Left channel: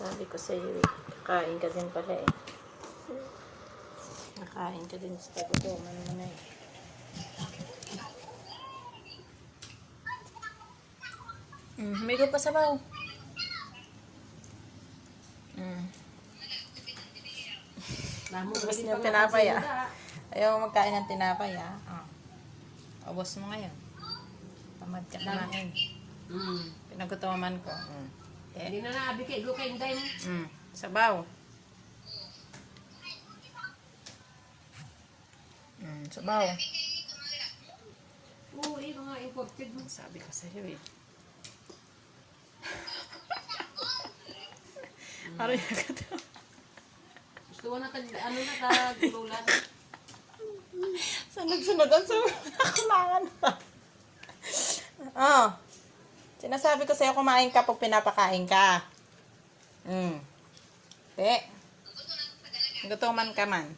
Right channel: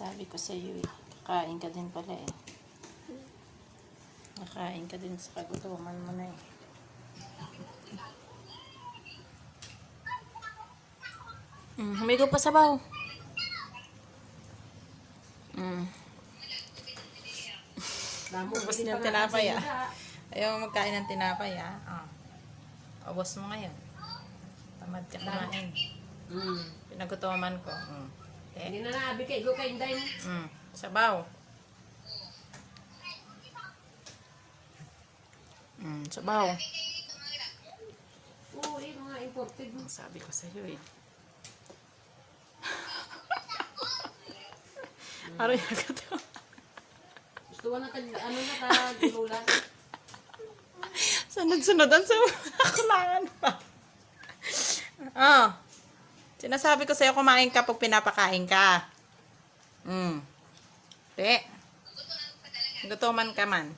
Sabi ko sa iyo, kakain ka din pala eh. Nakain ka din sa kagutuman mo na eh. Humigo pa sabaw. Ubus niyo ang tinapay ah. Ayaw magkain ng tinapay ah. Ubus mo ngayon. Tamad ka kumain. Pinagutuman ko. Hindi na naabi kay go kay Inday. Sabaw. Sabaw. Oo, ito nga imported mo. Sabi ko sa iyo eh. Ano yung kato? Gusto mo na ano na tagulan. Sunod-sunod ang kulangan pa. Sinasabi ko sa'yo kumain ka pag pinapakain ka. Te. Gutuman ka man.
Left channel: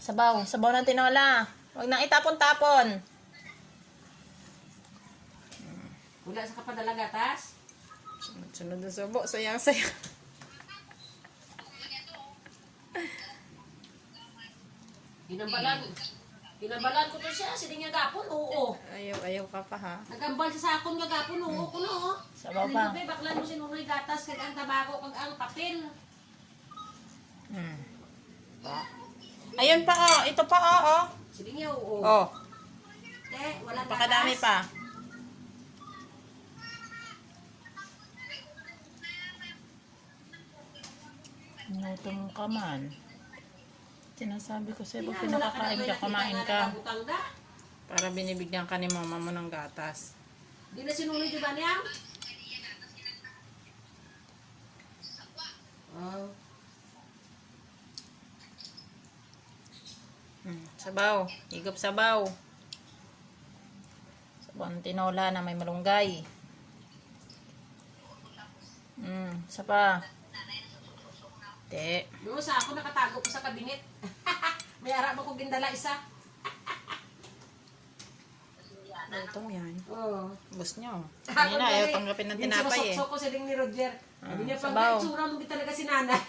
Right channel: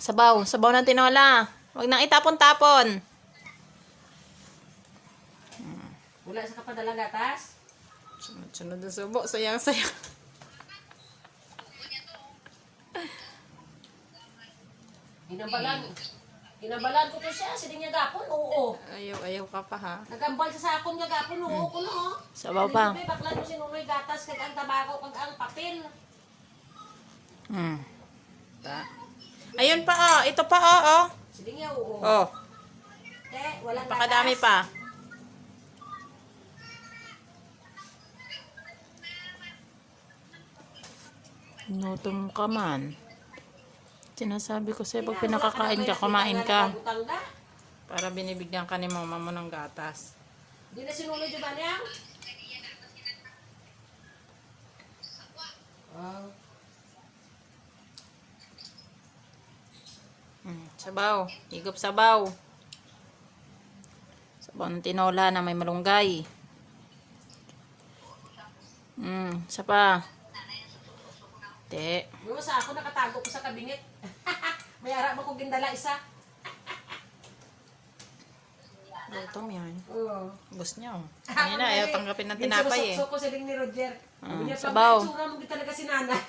Sabaw. Sabaw ng tinola. Huwag nang itapon-tapon. Wala sa kapadalang gatas? Sunod ang subo. Sayang-sayang. Ginabalan ko to siya. Sining niya gapon, oo. Ayaw ka pa ha. Nagambal sa sakon nga gapon, oo ko no. Sabaw pa. Dito baklan mo sinunoy gatas kag ang tabako kag ang papel. Ayun pa oh. Ito pa oh. Sining niya, oo. Oh. Walang gatas. Pakadami pa. Nutom ka man. Sinasabi ko sa'yo, pag pinakakain ka, kumain ka. Para binibigyan ka ni mama mo ng gatas. Di na sinuloy dyan ba niya? Sabaw. Higop sabaw. Sabaw ng tinola na may malunggay. Isa pa. Te. Yung sa ako nakatago ko sa kabinet. May arap ako gindala isa. Gutom yan. Oo. Bus niyo. Hindi na, ayaw tanggapin ng tinapay eh. Minsan ko sa ding ni Roger. Sabi niya, sabaw. pag-itsura mo talaga si nanay.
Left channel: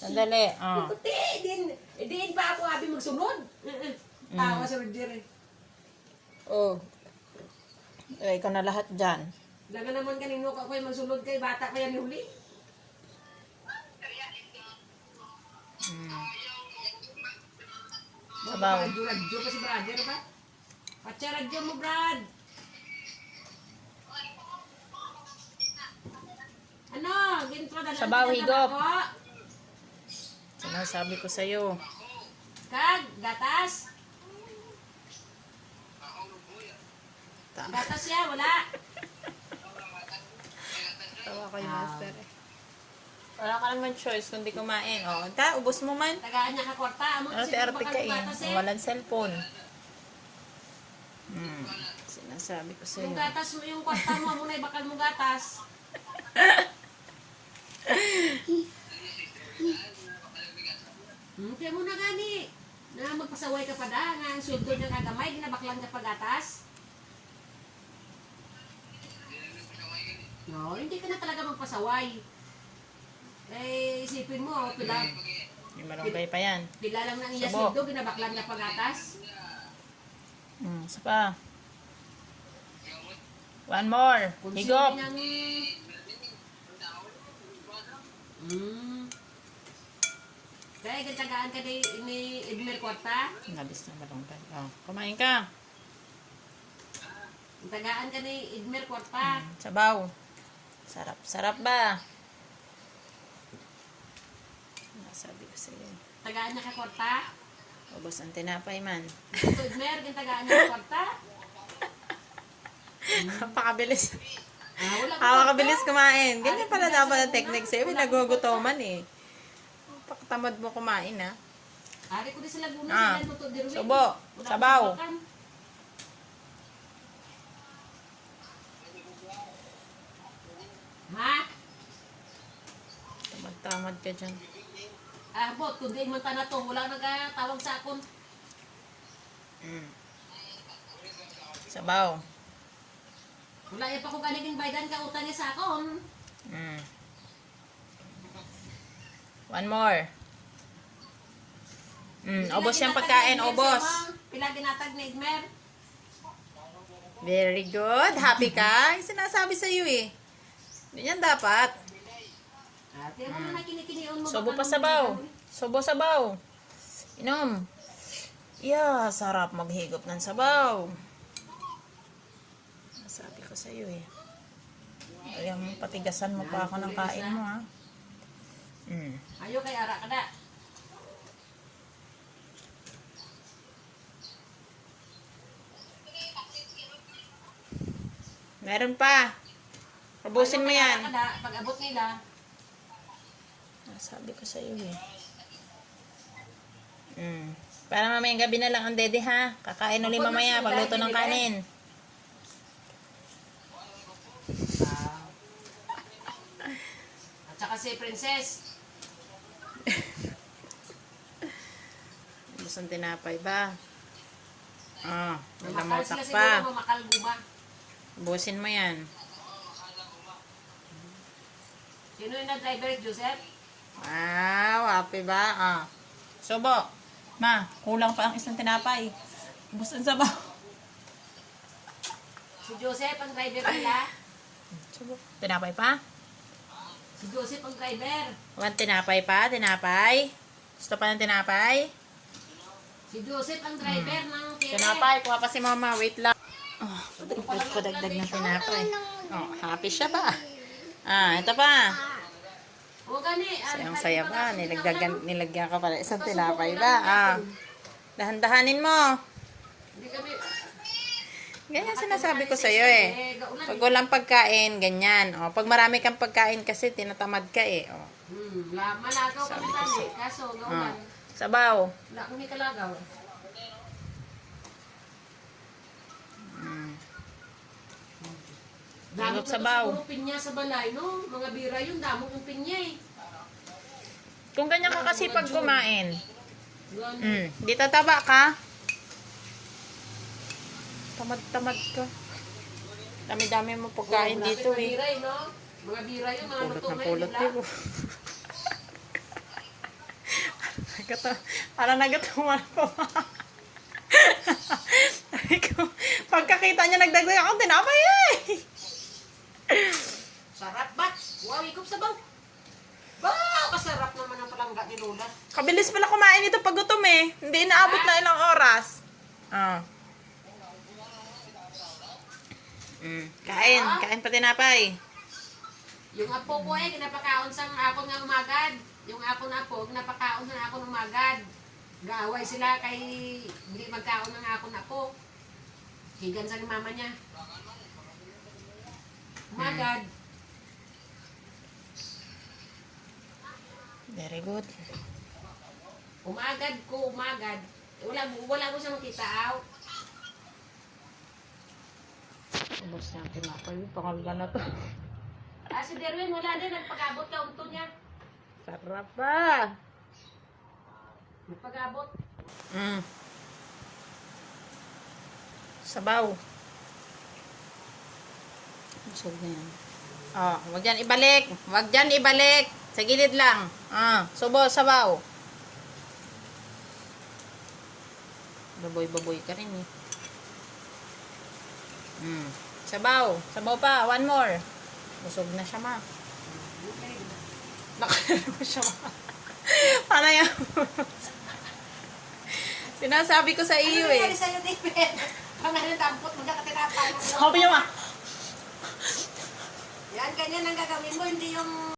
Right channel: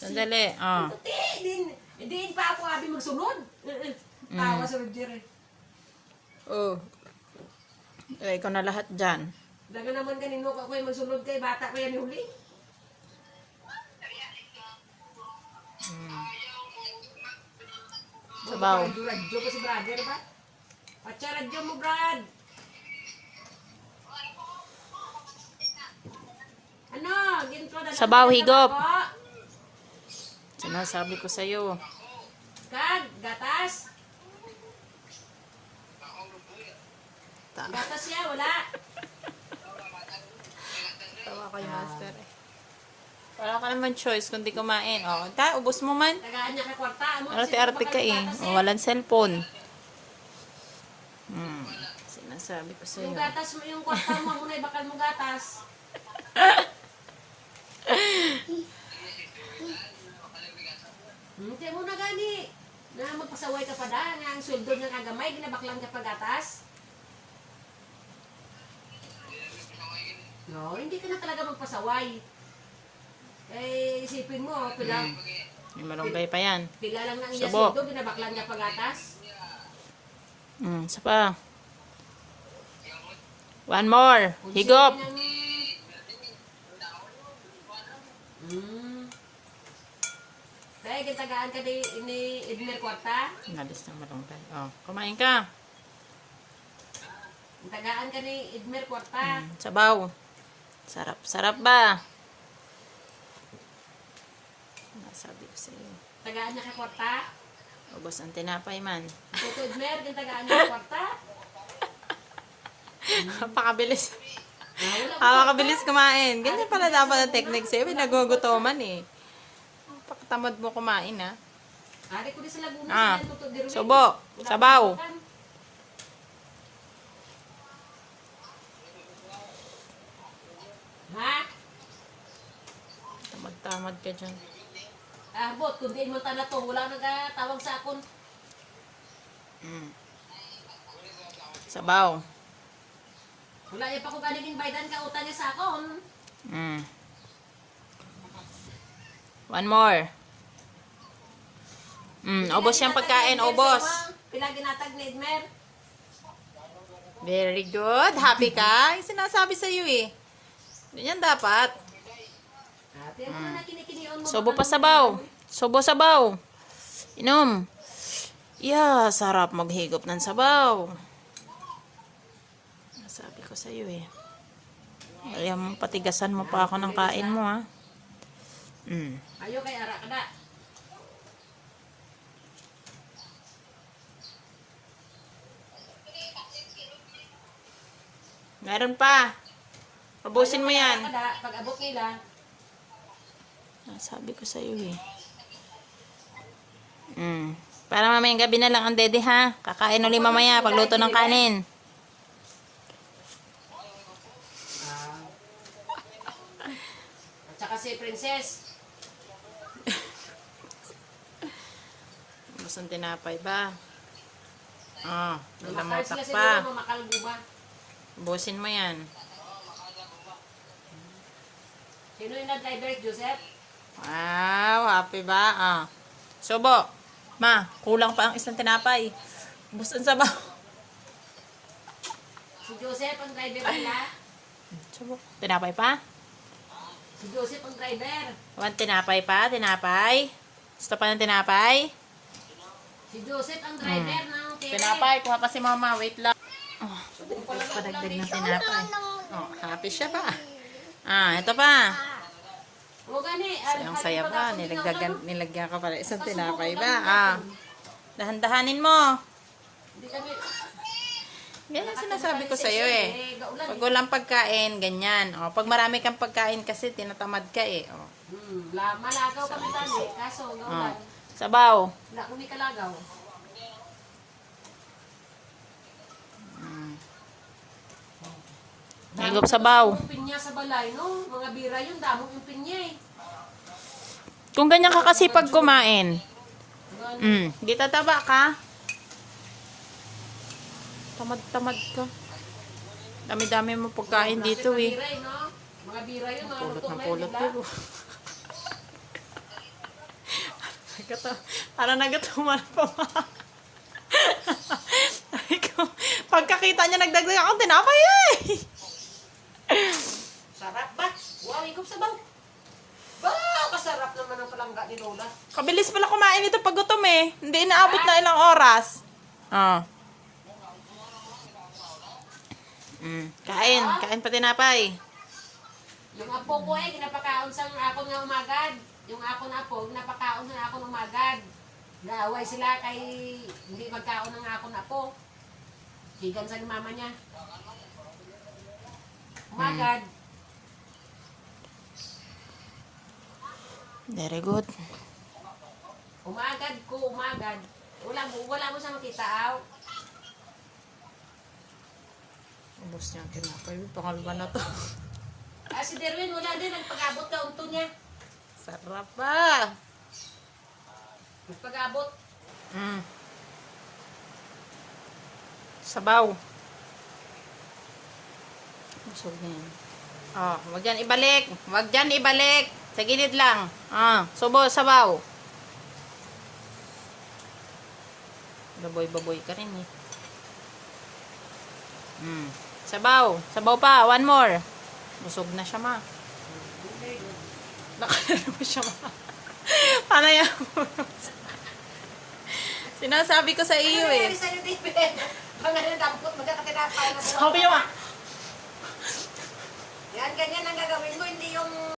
Sandali. Diin pa ako abi magsunod. Tawa sa Roger eh. Ikaw na lahat dyan. Daga naman kanino ka ko yung magsunod kay bata ko yan huli. Sabaw. Radyo pa si brother ba? Patsa radyo mo, Brad. Ano? Ginto na Sabaw, higop. Sinasabi ko sa'yo. Kag, gatas. Gatas siya, wala. Tawa kayo, master. Wala ka naman choice kundi kumain. Ubos mo man. Tagaan niya ka kwarta. Arte-arte ka eh. Walang cellphone. Sinasabi ko sa'yo. Yung gatas mo, yung kwarta mo, muna bakal mo gatas. Kaya mo na gani. Na magpasaway ka pa da. Nga ang sundo niya kagamay, ginabaklan ka pa gatas. No, hindi ka na talaga magpasaway. Isipin mo, pila. May malunggay pa yan. Pila lang ng iya Sabo. sundo, ginabaklan ka pa gatas. Isa pa. One more. Higop. Kaya gitagaan ka ni Edmer Kwarta. Nalis na malunggay. Kumain ka. Tagaan ka ni Edmer Kwarta. Sabaw. Sarap. Sarap ba? Sabi ko sa'yo. Tagaan niya ka Kwarta. Ubos ang tinapay man. Ito Edmer, tagaan niya ka Kwarta. Napakabilis. Napakabilis kumain. Ganyan pala dapat ang technique sa'yo. Nagugutoman eh. Pakatamad mo kumain ha. Ari ko din sa Laguna. Subo. Sabaw. Ha? Tamad ka dyan. Bot, kundi man na to. Wala nagtawag sa akon. Sabaw. Wala pa ko galing baydan ka utang niya sa akon. One more. Ubos yung pagkain, ubos. Pila ginatag ni Edmer. Very good. Happy ka? Yung sinasabi sa'yo eh. Ganyan dapat. Ate mo na kinikiniyon mo. Sobo pa sabaw. Sobo sabaw. Inom. Yeah, sarap maghigop ng sabaw. Sabi ko sa'yo eh. Kaya mo, patigasan mo pa ako ng kain mo ha. Ayo kay ara kada. Meron pa. Ubusin mo yan. Pag abot nila. Sabi ko sa'yo eh. Para mamayang gabi na lang ang dede ha. Kakain ulit mamaya pagluto ng kanin. At saka si Princess. Masang tinapay ba? Mamakal Nalamotak sila pa. siguro, mamakal guma. Ubusin mo yan. Sino yung nag-driver, Joseph? Wow, happy ba? Sobo. Ma, kulang pa ang isang tinapay. Ubus ang sabaw. Si Joseph ang driver nila. Sobo. Tinapay pa? Si Joseph ang driver. One tinapay pa? Tinapay? Gusto pa ng tinapay? Si Joseph ang driver ng tire. Tinapay, kuha pa si mama. Wait lang. Padagdag ng tinapay. Happy siya pa. Ito pa. O gani. Sayang saya pa. Nilagyan ka pala isang tinapay ba? Dahan-dahanin mo. Hindi kami. Ganyan sinasabi ko sa'yo eh. Pag walang pagkain, ganyan. Pag marami kang pagkain kasi, tinatamad ka eh. Malagaw kami tani. Kaso, gaulan. Sabaw. Wala kami kalagaw. Higop sabaw. Damong pinya sa balay, no? Mga bira yun, damong pinya eh. Kung ganyan ka kasi pag kumain, di tataba ka. Tamad-tamad ka. Dami-dami mo pagkain dito eh. Bira, no? Mga bira yun, mga Pulot lutong ng na pulot yun, yun. Parang nagatuwa pa ba? Pagkakita niya nagdagdag ako, tinapay eh! Sarap ba? Wow, higop sabaw. Ba, kasarap naman ang palangga ni Lola. Kabilis pala kumain ito pag gutom eh. Hindi inaabot na ilang oras. Kain pa tinapay. Yung apo ko eh, ginapakaon sa ako nga umagad. Yung ako na apo, ginapakaon sa ako umagad. Gaaway sila kay hindi magkaon ng ako na apo. Higan sa ni mama niya. Umagad. Very good. Umagad ko, umagad. Wala mo siya makita, aw. Ubus niya ang tinapay. Pangalawa na to. Si Derwin, wala din. Nagpag-abot ka, unto niya. Sarap pa. Nagpag-abot. Sabaw. Busog na yan. Huwag dyan ibalik. Huwag dyan ibalik. Sa gilid lang. Subo, sabaw. Baboy-baboy ka rin eh. Sabaw. Sabaw pa. One more. Busog na siya ma. Nakalala mo siya ma. Paano yan? Sinasabi ko sa iyo eh. Ano sa'yo, David? Pangalan dampot, magkakatinapay na. Sabi niya ma. Yan, ganyan ang gagawin mo, hindi yung